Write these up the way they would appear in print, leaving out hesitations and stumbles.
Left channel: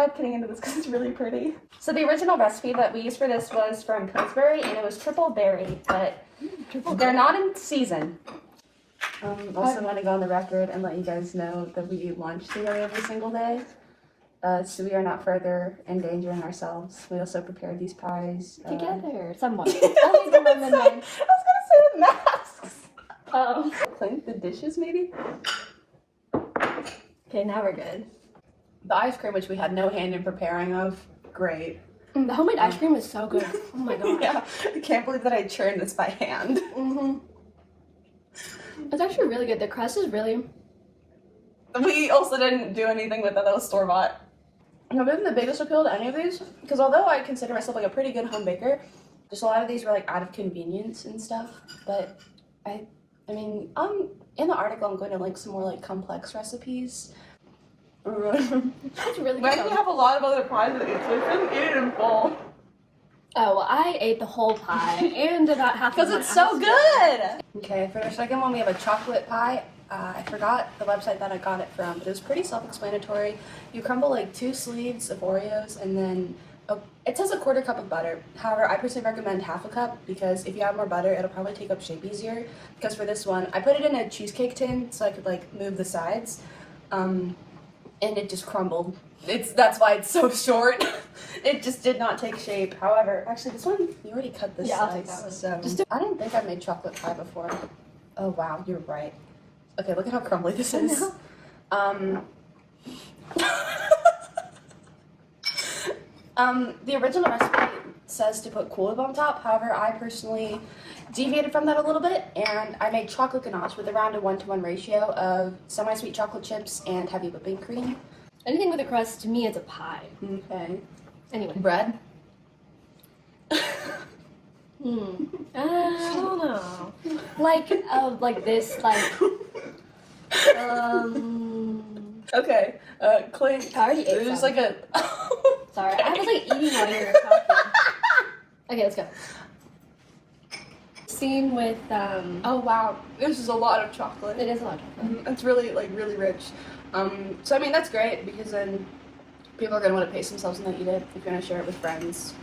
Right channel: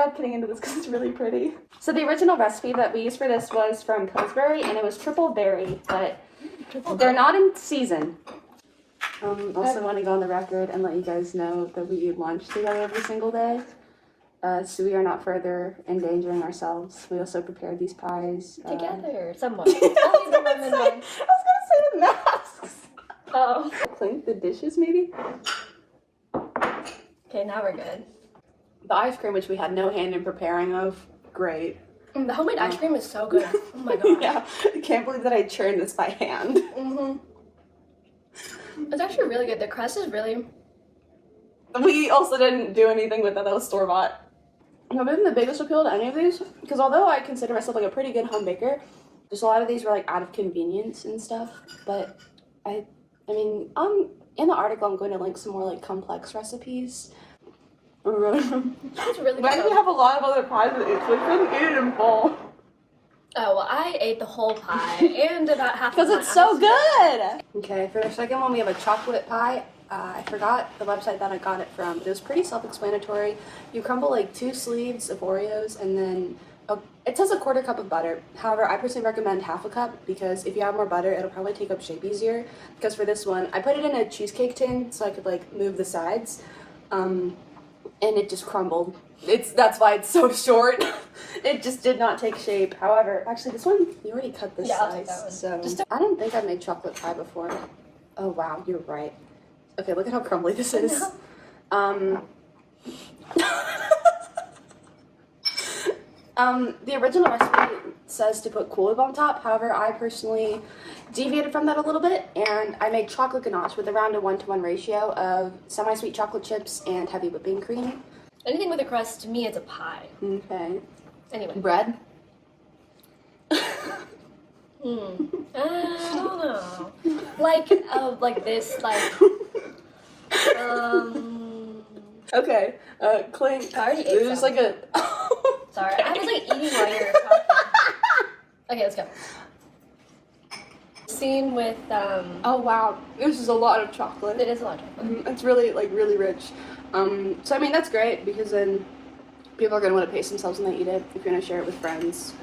without getting into this because it's really pretty. So the original recipe that we used for this was from Pillsbury, and it was triple berry, but they're not in season. Also want to go on the record and let you guys know that we eat lunch together every single day. So we are not further endangering ourselves. We also prepared these pies. Together, somewhat. Only the lemon one. I was gonna say with masks. Oh. Clink the dishes, maybe? Okay, now we're good. The ice cream, which we had no hand in preparing of, great. The homemade ice cream is so good. Oh my god. Yeah, I can't believe that I churned this by hand. It's actually really good. The crust is really... We also didn't do anything with that. That was store-bought. I've been the biggest appeal to any of these, because although I consider myself like a pretty good home baker, just a lot of these were like out of convenience and stuff. But I mean, in the article I'm going to link some more like complex recipes. That's really good. But we have a lot of other pies to eat, so I couldn't eat it in full. Oh, well, I ate the whole pie and about half of Because it's so good! Okay, for the second one we have a chocolate pie. I forgot the website that I got it from, but it was pretty self-explanatory. You crumble like 2 sleeves of Oreos and then it says a 1/4 cup of butter. However, I personally recommend 1/2 cup because if you have more butter, it'll probably take up shape easier. Because for this one, I put it in a cheesecake tin so I could like move the sides, and it just crumbled. That's why it's so short. It just did not take shape. However, actually this one, you already cut the I'll take size. that one. So I didn't think I made chocolate pie before. Oh wow, you're right. Okay, look at how crumbly this is. The original recipe says to put Kool-Aid on top. However, I personally deviated from that a little bit, and I made chocolate ganache with around a 1-to-1 ratio of semi-sweet chocolate chips and heavy whipping cream. Anything with a crust, to me, is a pie. Okay. Anyway. Bread? I don't know. Like this, like... Okay, Clink. I already ate There's some. like a... Sorry, I was like eating while you were talking. Okay, let's go. Scene with, Oh wow, this is a lot of chocolate. It is a lot of chocolate. It's really, like, really rich. So I mean, that's great because then people are gonna want to pace themselves when they eat it if you're gonna share it with friends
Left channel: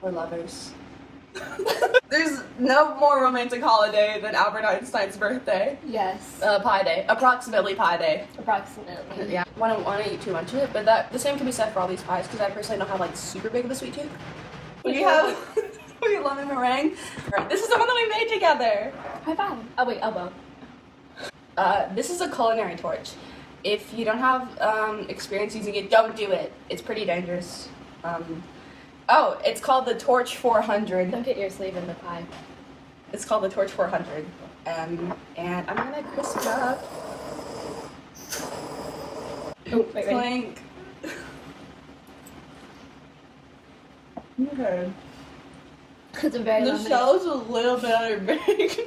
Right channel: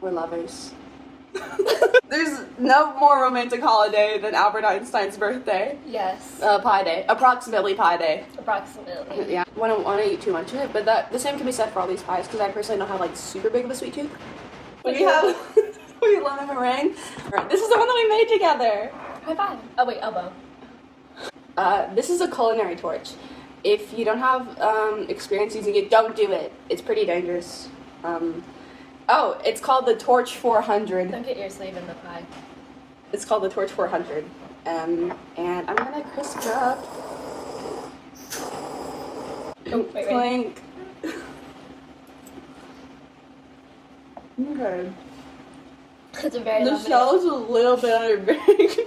or lovers. There's no more romantic holiday than Albert Einstein's birthday. Yes. Pie day. Approximately pie day. Approximately. Yeah. I don't want to eat too much of it, but the same can be said for all these pies because I personally don't have like super big of a sweet tooth. We have lemon meringue. Right. This is the one that we made together. High five. Oh wait, elbow. This is a culinary torch. If you don't have experience using it, don't do it. It's pretty dangerous. Oh, it's called the Torch 400. Don't get your sleeve in the pie. It's called the Torch 400. And I'm gonna crisp it up. Oh, wait, Clink. Okay. It's a very The lemony. shell is a little bit underbaked.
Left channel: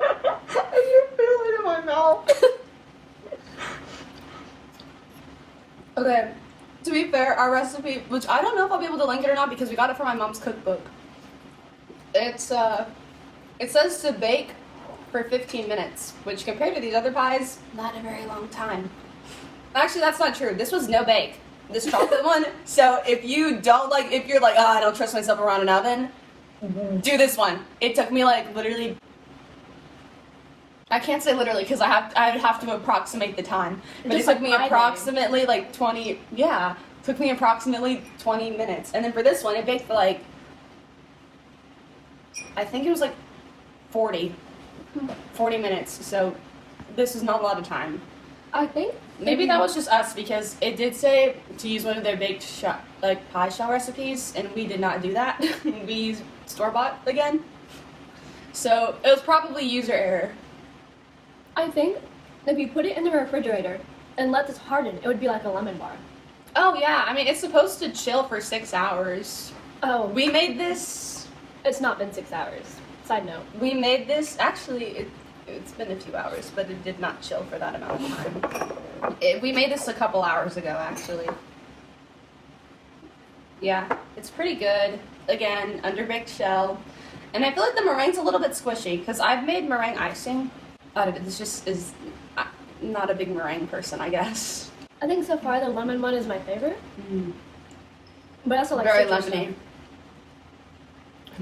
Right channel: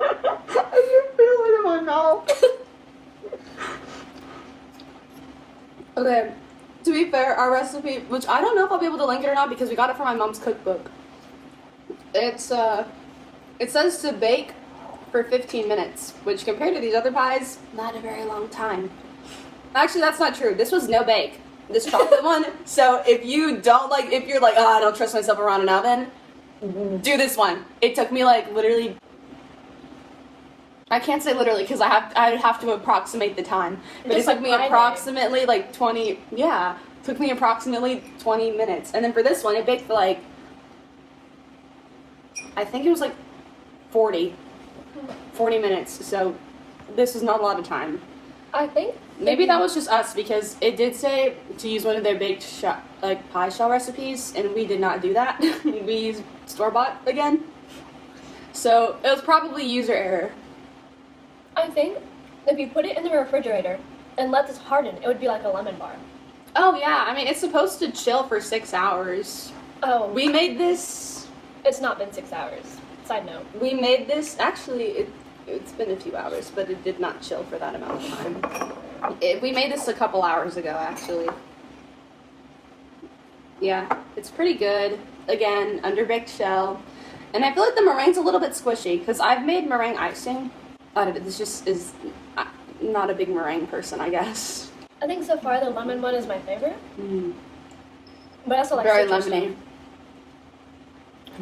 I can feel it in my mouth. Okay. To be fair, our recipe, which I don't know if I'll be able to link it or not because we got it from my mom's cookbook. It says to bake for 15 minutes, which compared to these other pies, not a very long time. Actually, that's not true. This was no bake. This chocolate one. So if you don't like, if you're like, oh, I don't trust myself around an oven, do this one. It took me like literally, I can't say literally because I'd have to approximate the time. But it took me approximately like 20, yeah, took me approximately 20 minutes. And then for this one, it baked for like, I think it was like 40 minutes. So this is not a lot of time. I think maybe that was just us because it did say to use one of their baked pie shell recipes, and we did not do that. We used store-bought again. So it was probably user error. I think if you put it in the refrigerator and let this harden, it would be like a lemon bar. Oh yeah, I mean it's supposed to chill for 6 hours. Oh. We made this. It's not been 6 hours. Side note. We made this, actually it's been a few hours, but it did not chill for that amount of time. We made this a couple hours ago, actually. Yeah, it's pretty good. Again, underbaked shell. And I feel like the meringue's a little bit squishy, because I've made meringue icing. This just is not a big meringue person, I guess. I think so far the lemon one is my favorite. But I also like Very citrus lemony. stuff.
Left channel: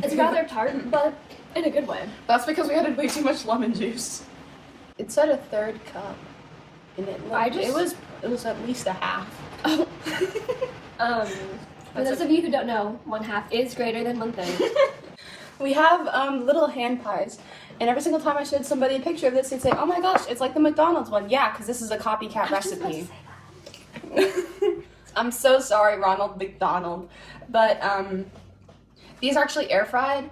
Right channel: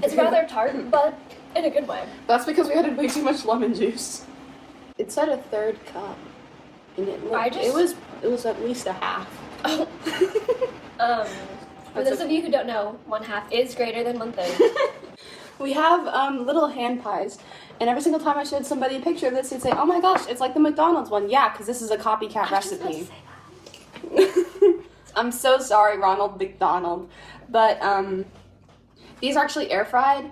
It's rather tart, but in a good way. That's because we had way too much lemon juice. It said a third cup. And it was at least a half. For those of you who don't know, 1/2 is greater than 1/3. We have little hand pies, and every single time I showed somebody a picture of this, they'd say, "Oh my gosh, it's like the McDonald's one." Yeah, because this is a copycat recipe. I'm so sorry, Ronald McDonald, but these are actually air fried.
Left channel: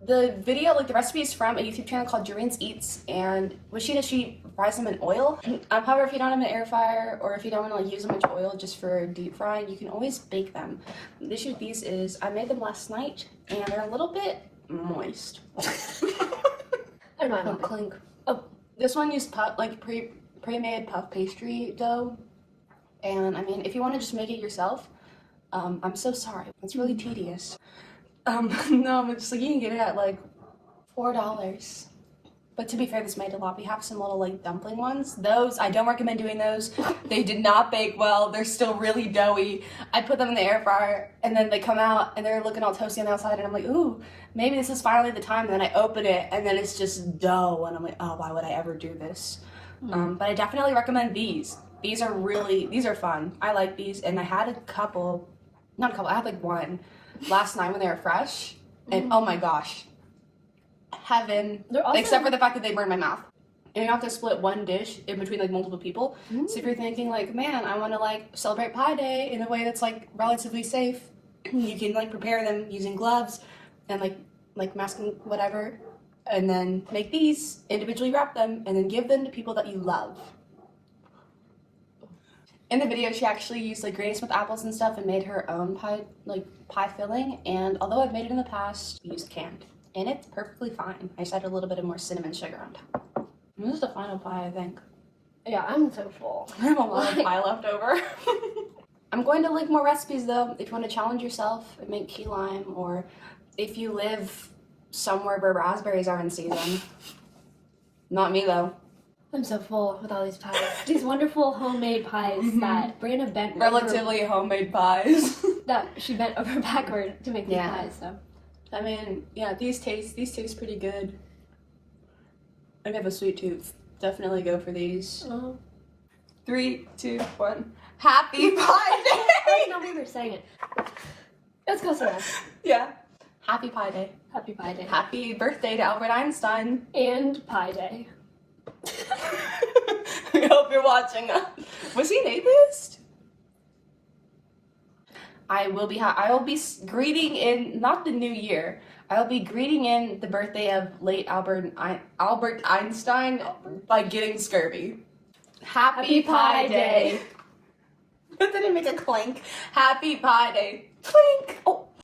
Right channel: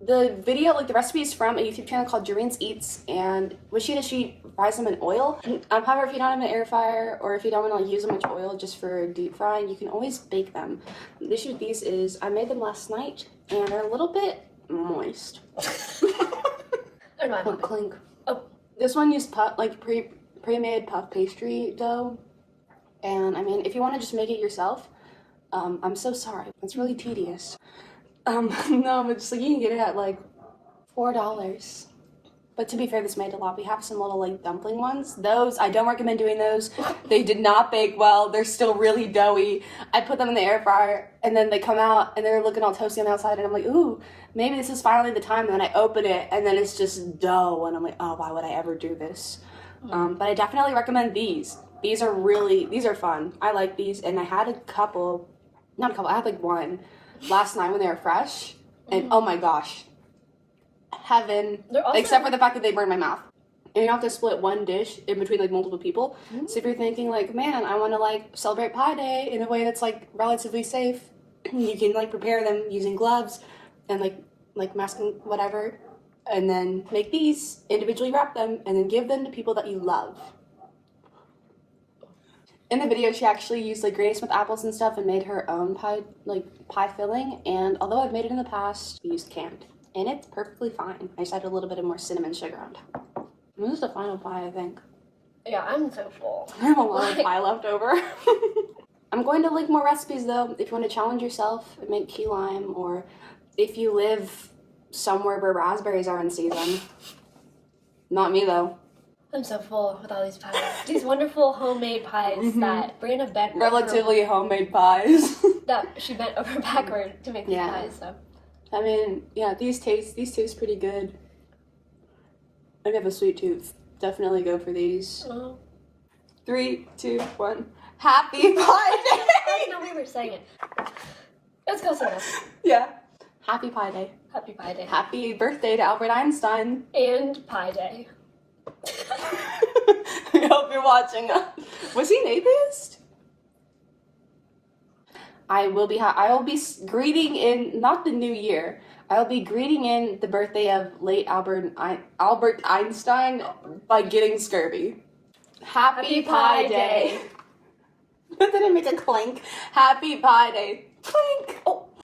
The video, like the recipe, is from a YouTube channel called Jerene Eats, and what she does, she fries them in oil. However, if you don't have an air fryer, or if you don't want to like, use as much oil just for deep frying, you can always bake them. The issue with these is I made them last night, and they're a little bit moist. I don't know. Clink. Oh. This one used pre-made puff pastry dough, and I mean, if you want to just make it yourself, I'm so sorry. It's really tedious. No, but just like you can get it at like $4. But to be fair, this made a lot. We have some little like dumpling ones. Those, I don't recommend doing those. They did not bake well. They're still really doughy. I put them in the air fryer, and then they come out, and they're looking all toasty on the outside, and I'm like, ooh, maybe this is finally the time. And then I open it, and then it's just dough, and I'm like, oh, why would I ever do this? But I definitely recommend these. These are fun. I like these, and I had I had like one last night when they were fresh, and oh my gosh, heaven. Except for the fact that they burn my mouth. And you have to split one dish in between like multiple people. So if you're thinking like, man, I want to like celebrate Pie Day in a way that's like relatively safe, you can like prepare them using gloves and like masking whatever, and then make these, individually wrap them, and then give them to people that you love. In the video, she actually used like Granny Smith apples and stuff and made her own pie filling. And although I've made it in the past, I used canned, and it's perfectly fine. I just added a little bit of more cinnamon sugar on top. And this is the final pie, I think. Yeah, I'm so full. I have a lot of pie left over. I'm going to link more recipes though, if you want to challenge yourself and make key lime, or if you live somewhere where raspberries are in season. Not me though. I'm so full with all these pies. These wonderful homemade pies that Brianna bent Relatively homemade pies. that she bent over backward to make these pies, so. I mean, yeah, these taste pretty good. I have a sweet tooth. Definitely go for these. 3, 2, 1. Happy Pie Day! I didn't know we were saying it. Let's go somewhere. Yeah. Happy Pie Day. Happy Pie Day. Happy birthday to Albert Einstein. And Pie Day. I hope you're watching. Was he an atheist? I will be greeting in, not the new year, I will be greeting in the birthday of late Albert Einstein by getting scurvy. Happy Pie Day. Did I make a clink? Happy Pie Day. Clink. Oh.